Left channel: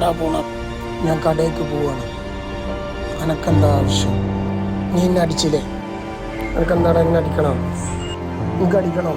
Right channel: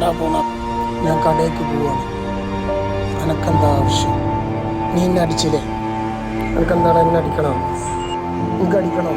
എവിടെക്കാണ്ടാ പോണം? ഞാൻ കടയ്ക്ക് പോവാണ്. അനക്കെന്താ ആവശ്യം? നീ എന്നെ അടിച്ചില്ലേ? അനക്കെന്താടാ എന്നെ അടിക്കണം? എനിക്ക് അടിക്കണം.